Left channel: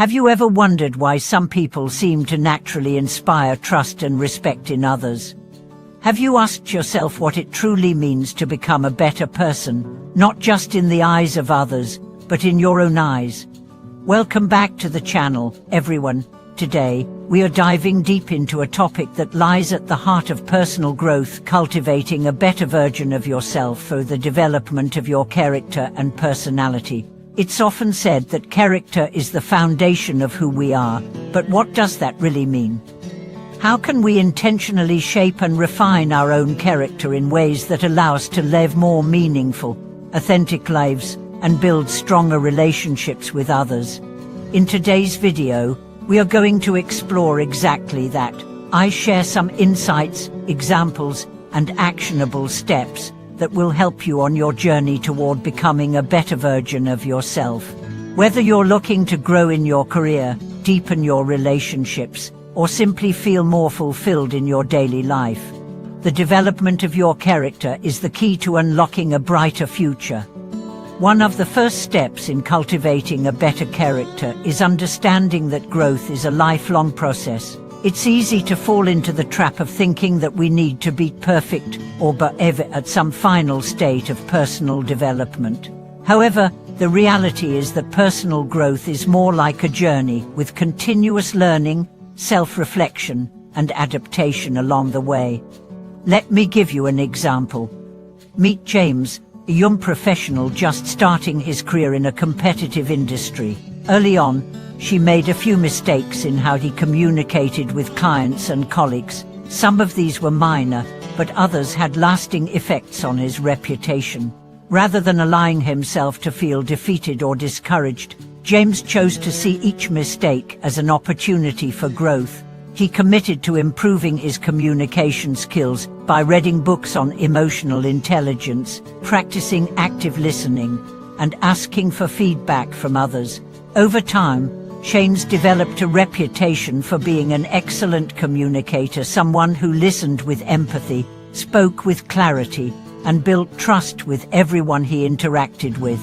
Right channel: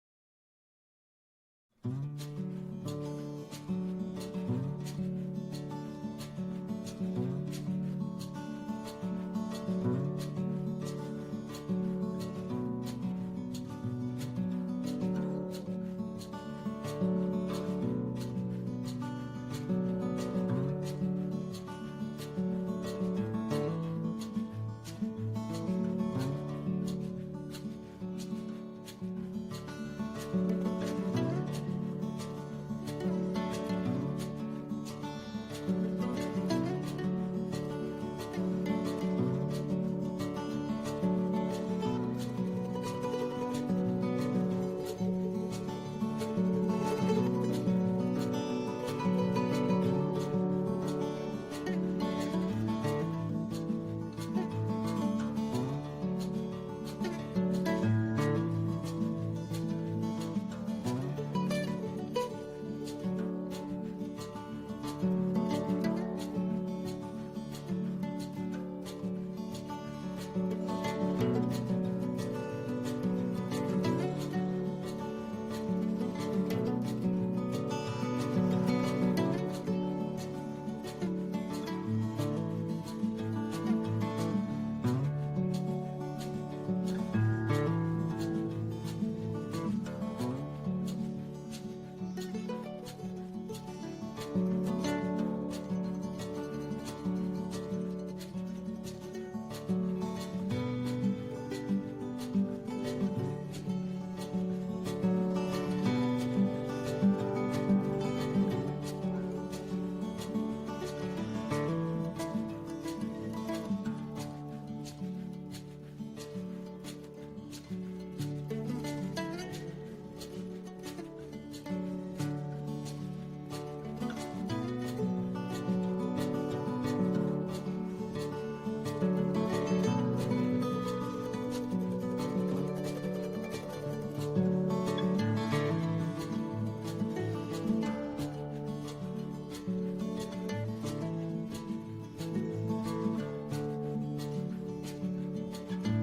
Have you ever wondered why some people seem to naturally inspire trust and respect in others? Have you asked yourself what it truly means to become a better person, not just in the eyes of others, but in your own eyes? Welcome back to the channel, everyone. Today, we are diving deep into a topic that lies at the heart of personal growth, cultivating a better version of yourself for the development of your character and personality. It's often said that character is the foundation of who we are, but what does that really mean? How can we intentionally shape and refine our own character in ways that allow us to live more meaningful, authentic lives and build stronger relationships with others? In today's video, we are going to explore exactly that. I share some insights, examples, and actionable steps that will help you on your journey toward becoming a better version of yourself. Whether you're looking to grow in your career, deepen your relationships, or simply feel more fulfilled in your daily life, the development of your character is the key to unlocking a brighter future. One of the first steps in cultivating a better character is understanding that growth is a lifelong process. It's easy to fall into the trap of thinking that we need to be perfect or ever at some final state of personal development. However, the reality is that personal growth is more like a journey with continuous learning, self-reflection, and adaptation along the way. Let me give you an example. Meet James, a young professional just starting his career in a competitive industry. Early on, she made a few mistakes in how he communicated with clients and colleagues. Some of these were minor, but others had lasting effects on his reputation. Rather than allowing himself to feel defeated or discouraged, James chose to see each mistake as an opportunity for growth. He committed to improving his communication skills by reading books on emotional intelligence, practicing active listening, and asking for feedback from others. Over time, James developed a reputation for being an excellent communicator, someone who listened with empathy, spoke with clarity, and built trust with everyone he interacted with.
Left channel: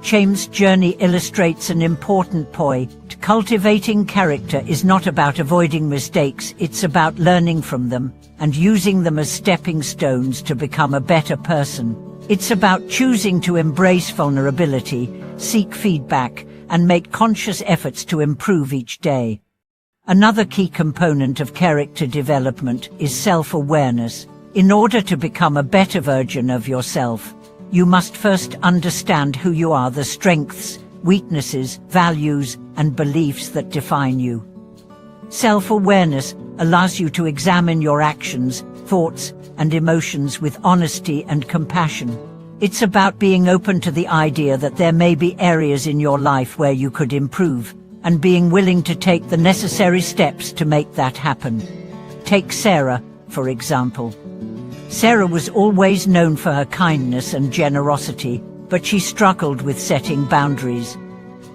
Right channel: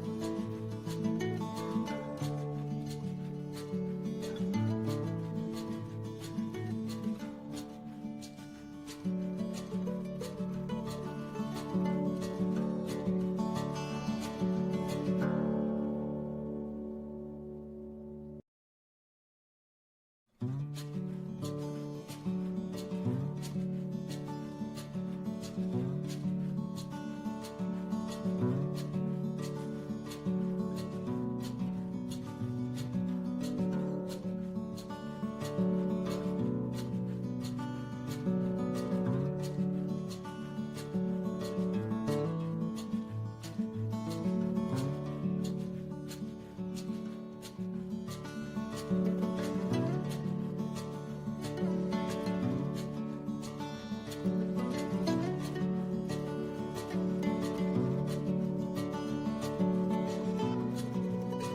James' journey illustrates an important point. Cultivating character is not about avoiding mistakes, it's about learning from them and using them as stepping stones to become a better person. It's about choosing to embrace vulnerability, seek feedback, and make conscious efforts to improve each day. Another key component of character development is self-awareness. In order to become a better version of yourself, you must first understand who you are, the strengths, weaknesses, values, and beliefs that define you. Self-awareness allows you to examine your actions, thoughts, and emotions with honesty and compassion. It's about being open to the idea that there may be areas in your life where you could improve, and being willing to take the necessary steps to make that happen. Take Sarah, for example. Sarah was always known for her kindness and generosity, but she struggled with setting boundaries.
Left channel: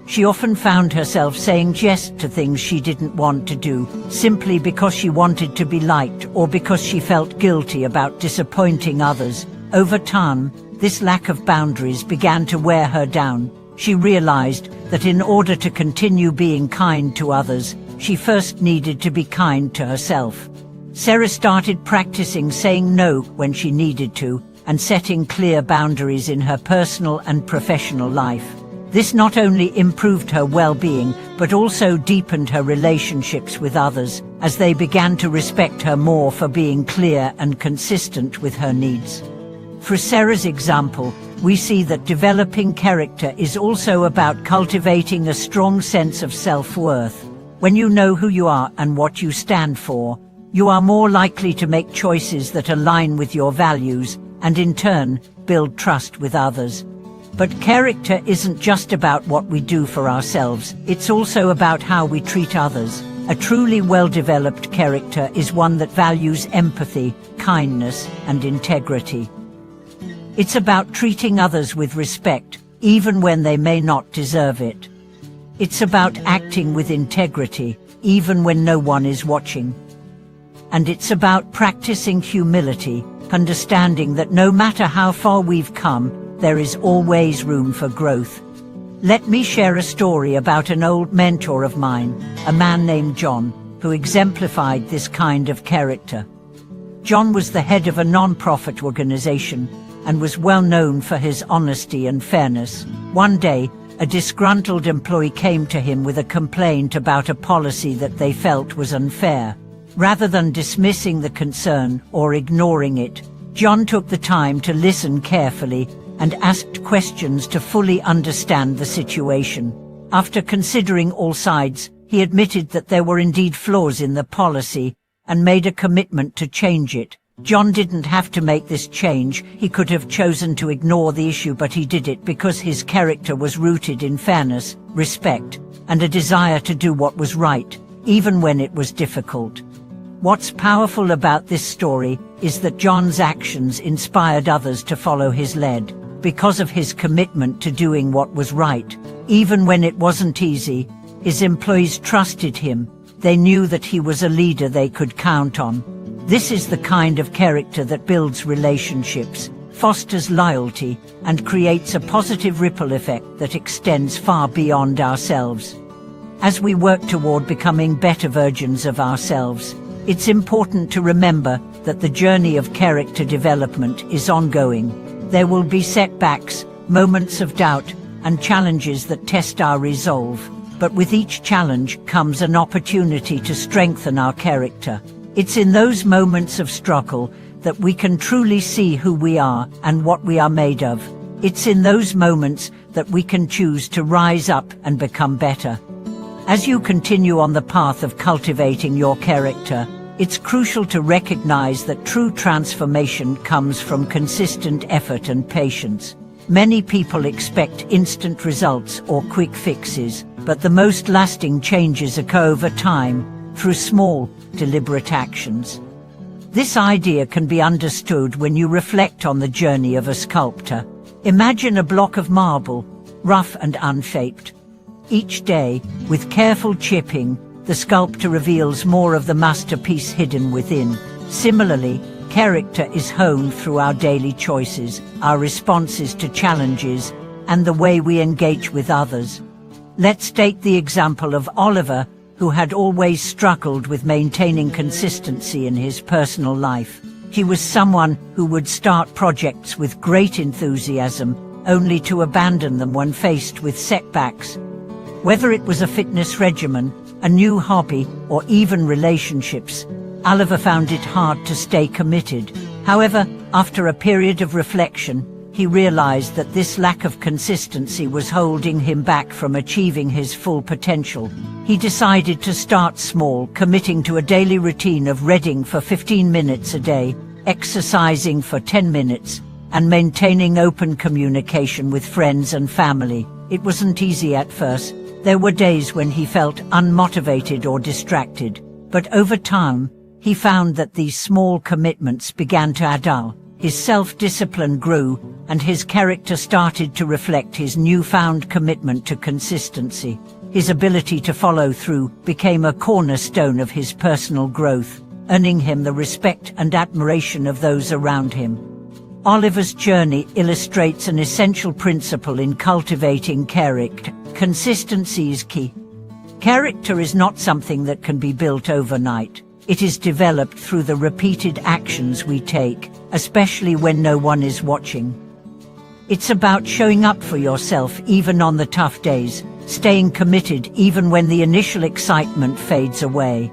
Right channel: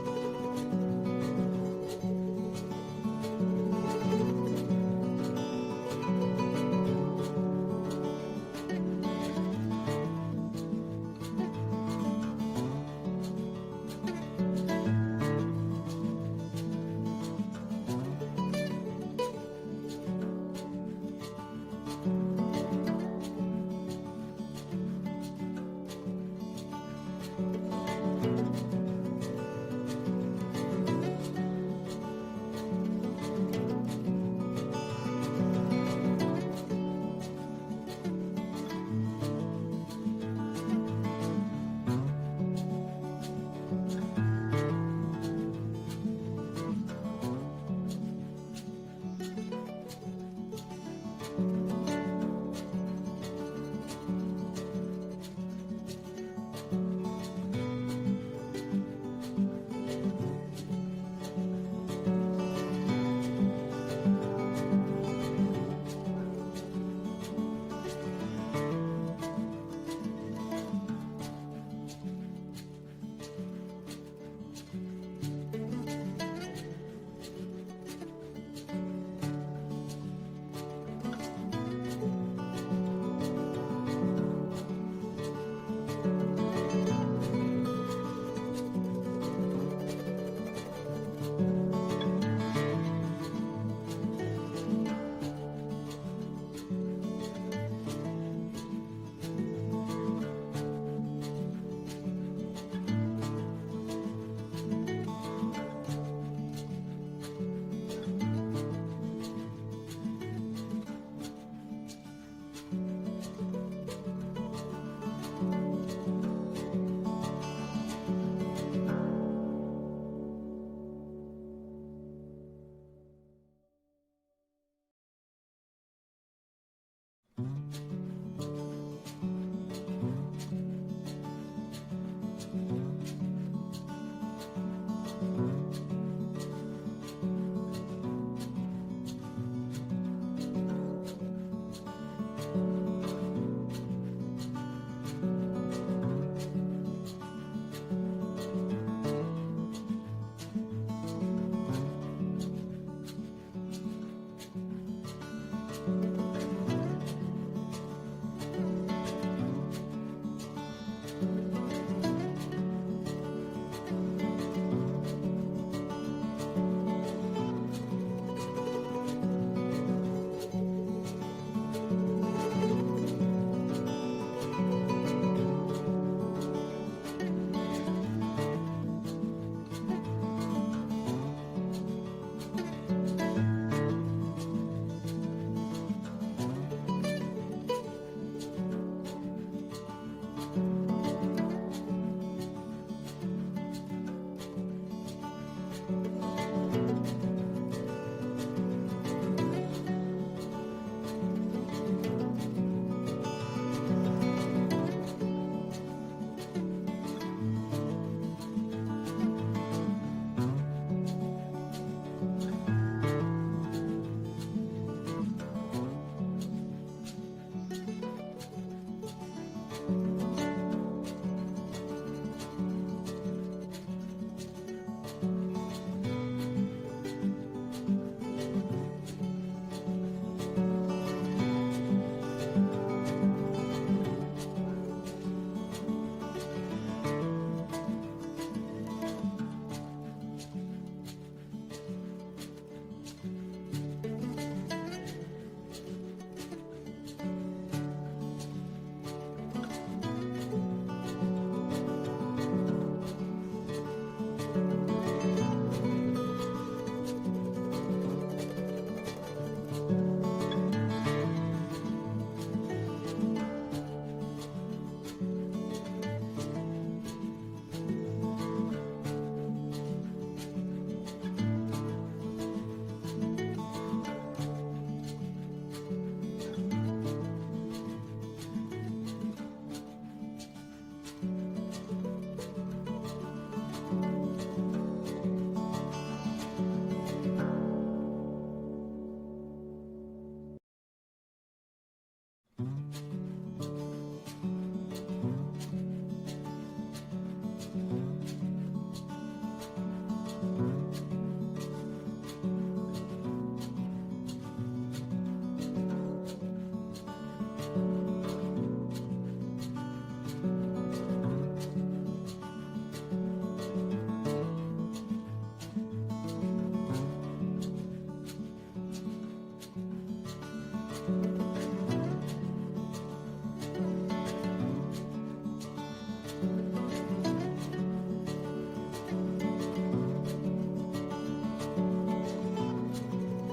She often found herself saying yes to things she didn't want to do, simply because she wanted to be liked or because she felt guilty about disappointing others. Over time, this lack of boundaries began to wear her down. She realized that in order to continue being kind to others, she first needed to be kind to herself. Sarah started practicing saying no when she needed to, and setting clear boundaries in her personal and professional life. This not only improved her well-being, but also deepened her relationships with others, as they began to respect her more for being clear and consistent with her needs. For Sarah's example, we see that developing character is also about cultivating a strong sense of self-worth. When you know who you are and what you stand for, you are more likely to make choices that align with your values and, in turn, build trust with others. But character isn't just about what we do for ourselves, it's also about how we treat others. A truly well-developed character is one that values empathy, kindness, and integrity. It's about treating others with respect, even when they may not deserve it. It's about acting with integrity, even when no one is watching. And it's about practicing humility, understanding that no matter how far we've come, there is always room for growth. Let me share a story about an old mentor of mine, a man named John, who exemplified this kind of character. John was the head of a non-profit organization and was well known for his honesty and fairness. One day, a disgruntled employee came to him with a complaint about a policy that they felt was unfair. Rather than dismissing the concern or ignoring it, John took the time to listen carefully and asked questions to fully understand the situation. After considering all sides, he admitted that there were indeed flaws in the policy and made a commitment to change it. John didn't have to make this change. He could have chosen to ignore the issue, but he did it because his character was rooted in fairness, respect, and a desire to do what was right, even when it was difficult. What's powerful about this story is that John's actions inspired others to follow his lead. Because of his commitment to doing what was right, even when it wasn't easy, his employees trusted him. They knew that he was a leader they could count on. This is the kind of character that builds relationships, fosters loyalty, and creates a positive ripple effect that extends far beyond ourselves. As we work toward becoming better versions of ourselves, it's important to remember that the journey of character development is ongoing. There will be setbacks, moments of doubt, and challenges that test our resolve. But with each challenge comes an opportunity to strengthen our character. It's in those moments of struggle that we can truly see who we are and what we are made of. It's in those moments that we can choose to rise up and become better. As you continue on the path of cultivating your character, it's crucial to recognize that true transformation comes from consistent effort and patience. Many people expect instant results or quick fixes, but the most lasting changes occur over time, through small, deliberate actions. This idea can be understood when you reflect on the journey of a sculptor. Imagine a block of marble, rough and unshaped. Each day, with careful chipping, the sculptor reveals more of the masterpiece hidden within. Similarly, character is honed through our daily choices, our responses to challenges, and the way we engage with others. Let's take the example of Oliver, who had always struggled with maintaining consistency in his personal life. He was someone who would start projects with great enthusiasm, only to abandon them when faced with setbacks. Whether it was a fitness regimen, a new hobby, or even relationships, Oliver found it hard to stay committed. However, after a period of reflection, he realized that this lack of consistency was holding him back from achieving his full potential. He decided to start small, committing to a daily routine of reading for 15 minutes a day, exercising for 10 minutes, and maintaining open communication with friends and family. It wasn't easy at first. There were days when he felt unmotivated or distracted, but over time, he found that these small commitments began to add up. His self-discipline grew, and his character started to reflect his newfound commitment to consistency. His ability to follow through became a cornerstone of his personal growth, earning him the respect and admiration of those around him. Oliver's journey illustrates an essential principle in cultivating character. Consistency is key. Character is not something that can be built overnight. It is developed through the repeated actions we take, especially when no one is watching. It's about showing up for yourself even on the tough days, staying committed even when the initial excitement fades away.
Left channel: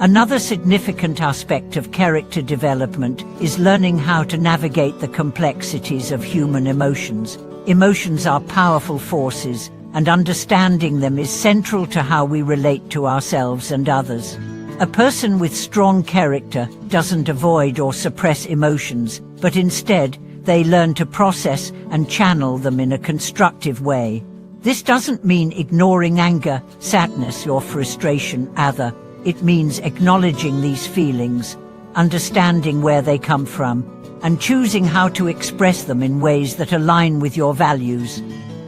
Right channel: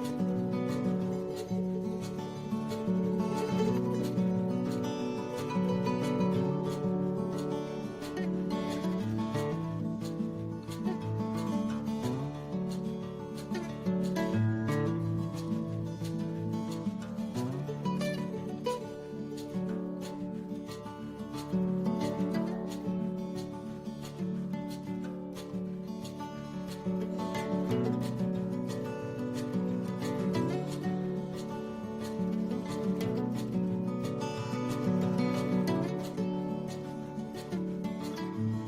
Another significant aspect of character development is learning how to navigate the complexities of human emotions. Emotions are powerful forces, and understanding them is central to how we relate to ourselves and others. A person with strong character doesn't avoid or suppress emotions, but instead, they learn to process and channel them in a constructive way. This doesn't mean ignoring anger, sadness, or frustration, either. It means acknowledging these feelings, understanding where they come from, and choosing how to express them in ways that align with your values.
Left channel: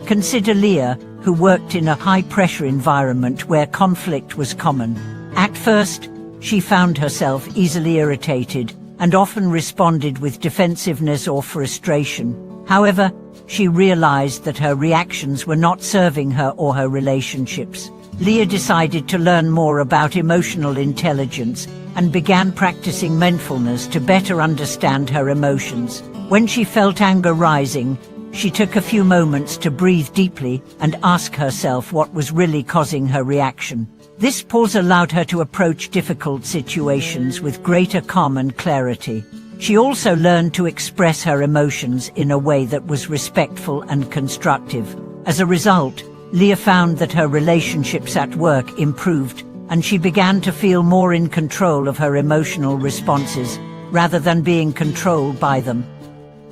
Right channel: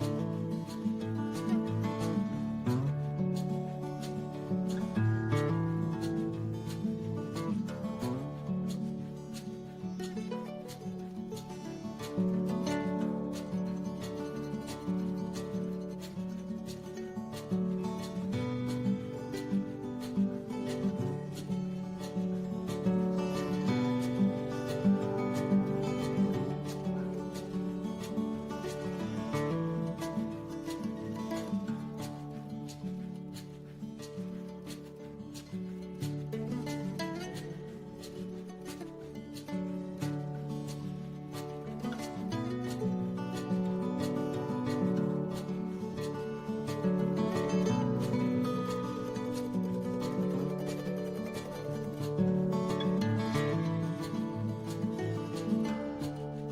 Consider Leah, who worked in a high-pressure environment where conflict was common. At first, she found herself easily irritated and often responded with defensiveness or frustration. However, she realized that her reactions were not serving her or her relationships. Leah decided to learn more about emotional intelligence and began practicing mindfulness to better understand her emotions. When she felt anger rising, she took a few moments to breathe deeply and ask herself what was really causing her reaction. This pause allowed her to approach difficult situations with greater calm and clarity. She also learned to express her emotions in a way that was respectful and constructive. As a result, Leah found that her relationships at work improved, and she began to feel more in control of her emotional responses, rather than being controlled by them.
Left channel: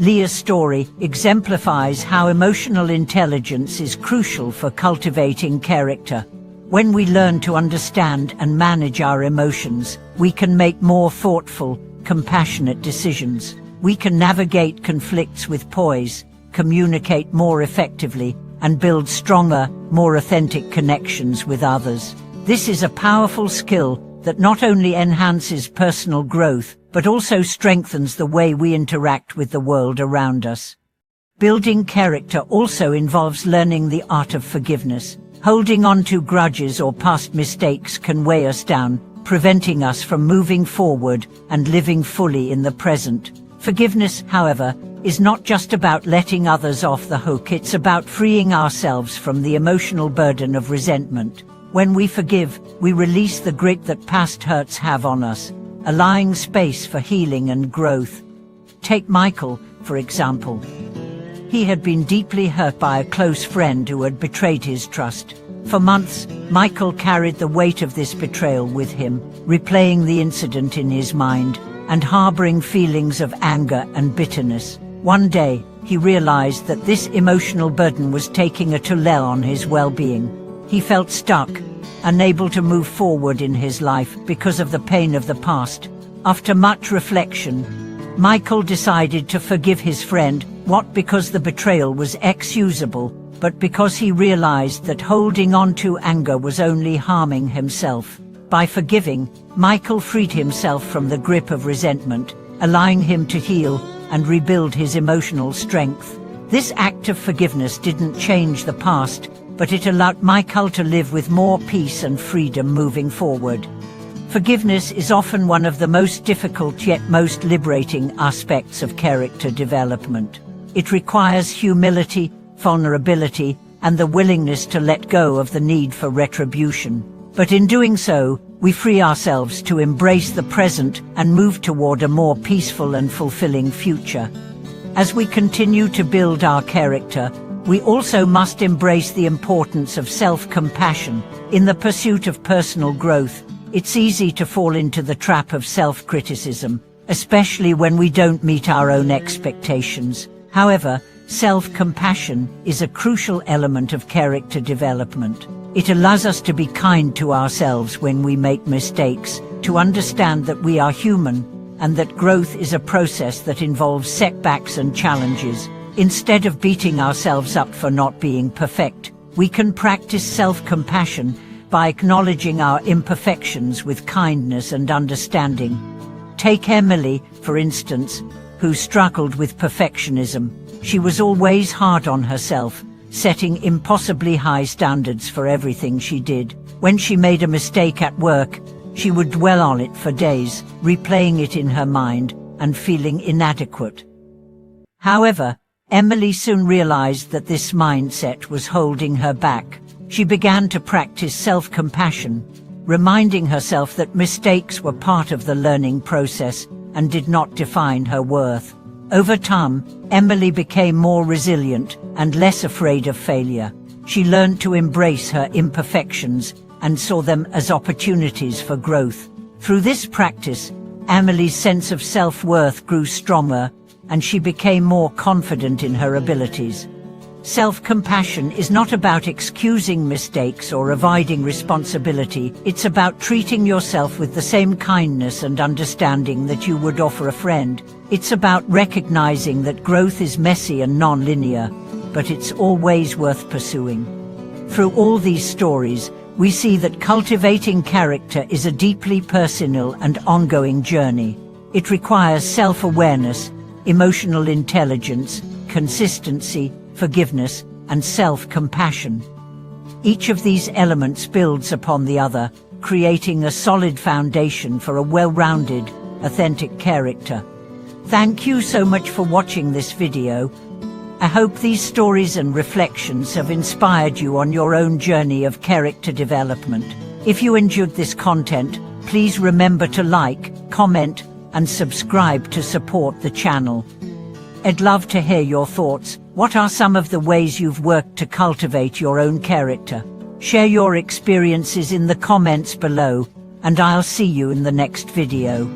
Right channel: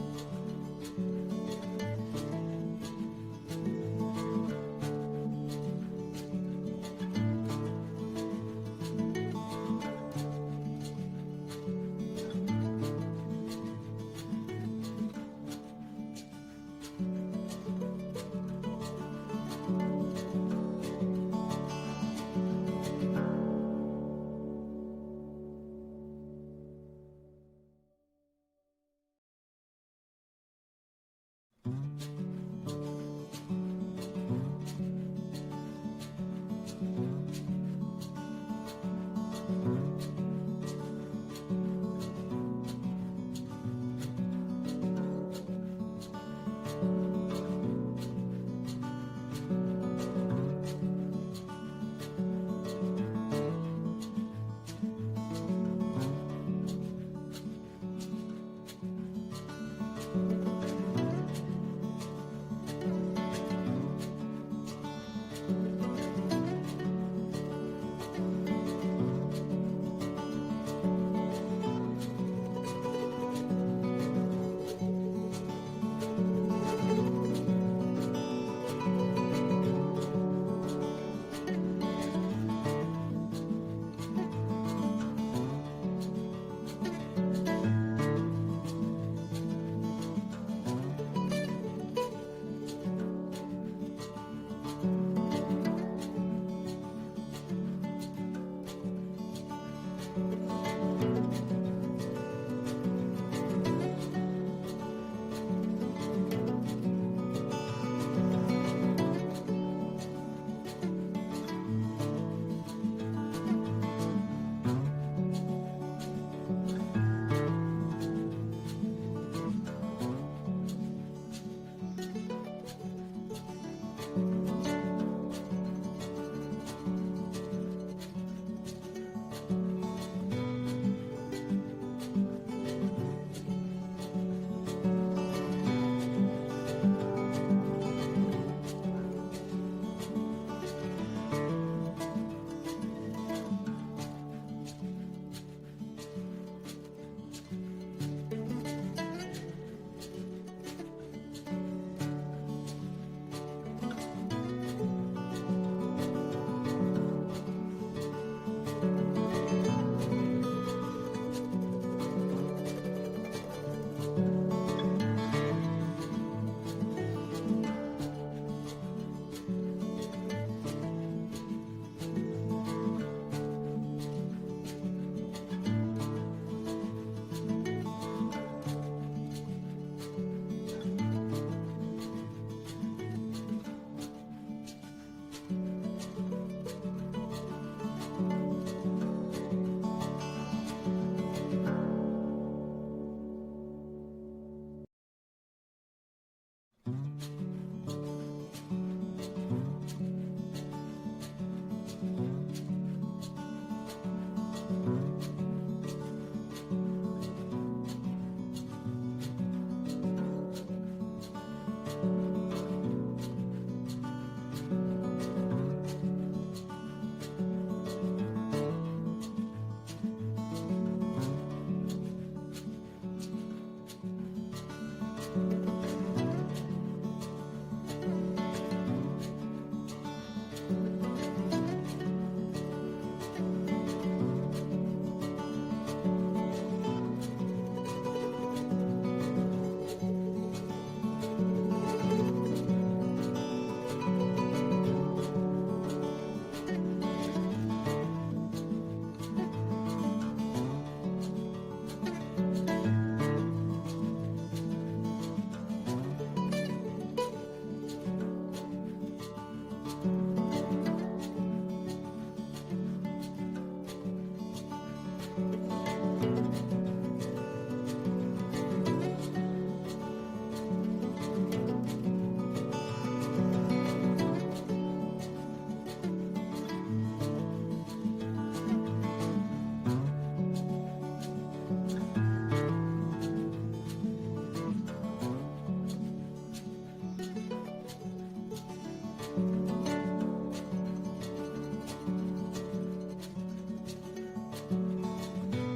Leah's story exemplifies how emotional intelligence is crucial for cultivating character. When we learn to understand and manage our emotions, we can make more thoughtful, compassionate decisions. We can navigate conflicts with poise, communicate more effectively, and build stronger, more authentic connections with others. This is a powerful skill that not only enhances personal growth, but also strengthens the way we interact with the world around us. Building character also involves learning the art of forgiveness. Holding on to grudges or past mistakes can weigh us down, preventing us from moving forward and living fully in the present. Forgiveness, however, is not just about letting others off the hook. It's about freeing ourselves from the emotional burden of resentment. When we forgive, we release the grip that past hurts have on us, allowing space for healing and growth. Take Michael, for example. He had been deeply hurt by a close friend who had betrayed his trust. For months, Michael carried the weight of this betrayal with him, replaying the incident in his mind and harboring feelings of anger and bitterness. One day, he realized that this emotional burden was taking a toll on his well-being. He felt stuck, unable to move forward in his life because of the pain of the past. After much reflection, Michael decided to forgive his friend, not because the betrayal was excusable, but because he realized that holding on to anger was only harming himself. By forgiving, Michael freed himself from the grip of resentment, allowing him to heal and rebuild his emotional strength. This act of forgiveness didn't change the past, but it allowed Michael to live with more peace and freedom moving forward. Forgiveness is often one of the most difficult yet most liberating aspects of character development. It requires humility, vulnerability, and the willingness to let go of the need for retribution. But in doing so, we free ourselves to embrace the present and move toward a more peaceful and fulfilling future. As we continue to build our character, we also must embrace the importance of self-compassion. In the pursuit of personal growth, it's easy to fall into the trap of self-criticism, especially when we don't meet our own expectations. However, self-compassion is a crucial element of character development. It allows us to be kind to ourselves when we make mistakes, to understand that we are human, and that growth is a process that involves setbacks and challenges. Instead of beating ourselves up for not being perfect, we can practice self-compassion by acknowledging our imperfections with kindness and understanding. Take Emily, for instance, who struggled with perfectionism. She was always hard on herself, setting impossibly high standards for everything she did. When she made a mistake at work, she would dwell on it for days, replaying it in her mind and feeling inadequate. However, Emily soon realized that this mindset was holding her back. She began to practice self-compassion, reminding herself that mistakes were part of the learning process and did not define her worth. Over time, Emily became more resilient and less afraid of failure. She learned to embrace her imperfections and saw them as opportunities for growth. Through this practice, Emily's sense of self-worth grew stronger, and she became more confident in her abilities. Self-compassion is not about excusing mistakes or avoiding responsibility. It's about treating yourself with the same kindness and understanding that you would offer a friend. It's about recognizing that growth is messy and non-linear, but it's always worth pursuing. Through all these stories, we see that cultivating character is a deeply personal and ongoing journey. It requires self-awareness, emotional intelligence, consistency, forgiveness, and self-compassion. Each of these elements builds upon the other, creating a solid foundation for a well-rounded, authentic character. Thank you so much for watching this video. I hope these stories and reflections have inspired you on your own journey of character development. If you enjoyed this content, please remember to like, comment, and subscribe to support the channel. I'd love to hear your thoughts. What are some of the ways you've worked to cultivate your own character? Share your experiences in the comments below, and I'll see you in the next video.